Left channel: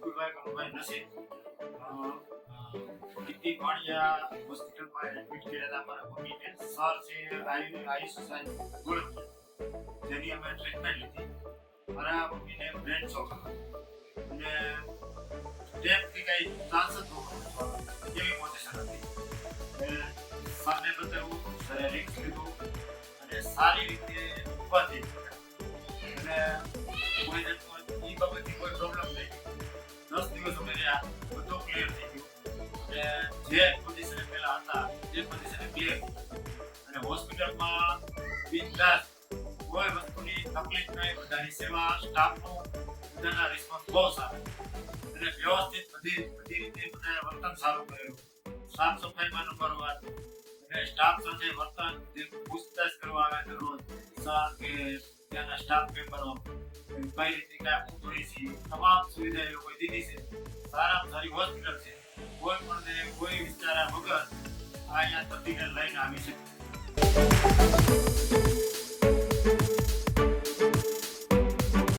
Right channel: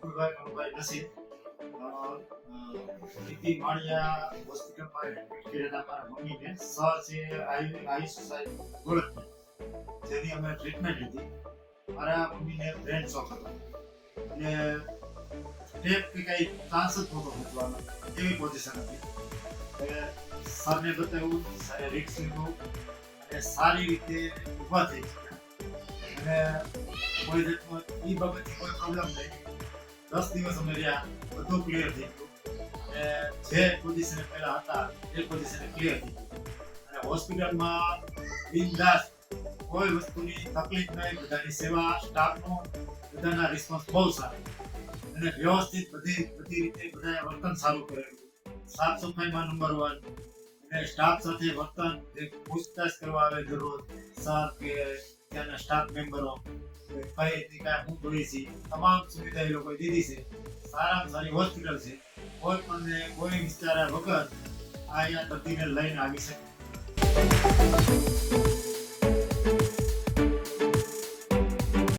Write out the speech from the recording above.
વિપુલભાઈ કનુભાઈ નસીબ નીતિ માળિયા હોસ્પિટલમાં એડમિટ કરેલા મારા મમ્મીને સર છે આયુષ સાહેબ ગોળક, જેની અમે ટ્રીટમેન્ટ લીધી. મારા મમ્મીને બ્રેન શોક હતો અને ટેપ કે કઈ ચાન્સ જ નહોતો બચવાનો એવી પોઝિશન હતી. સરને બતાવ્યું, સરે રિસ્ક લીધું અને સારી રીતે ઊભા થઈ અને કોઈ જાતનો એ બાબતની કોઈ પ્રોબ્લેમ નહીં. 10 દિવસ અમે રહ્યા, બધું ક્લિયર થઈ ગયું અને જે પોઝિશને પહેલા હતા એ પોઝિશને ક્લિયર થઈ ગયું અને હોસ્પિટલમાં બિનદાસ કોઈ વસ્તુની તકલીફ નહીં. બધાની સેવા, સ્ટાફનો બધાના રિસ્પોન્સ બહુ સારો અને વ્યવસ્થિત બધી રીતે બધાએ વર્તન સારું કરેલું. સાફ સફાઈમાં નંબર 1 અને સ્ટાફ સાથે વર્તન, જે પૂછતાછ કરવા આવે દરરોજ સર કે ત્યાંના સ્ટાફ મેમ્બરો કઈ રીતની કાંઈ હું જોઈએ છીએ, તમામ સુવિધા એ લોકોએ દીધી છે. સારામાં સારી હોસ્પિટલ છે. કોઈ પણ કોઈ વિચાર્યા વગર અહીંયા દર્દીને લઈને આવી શકે.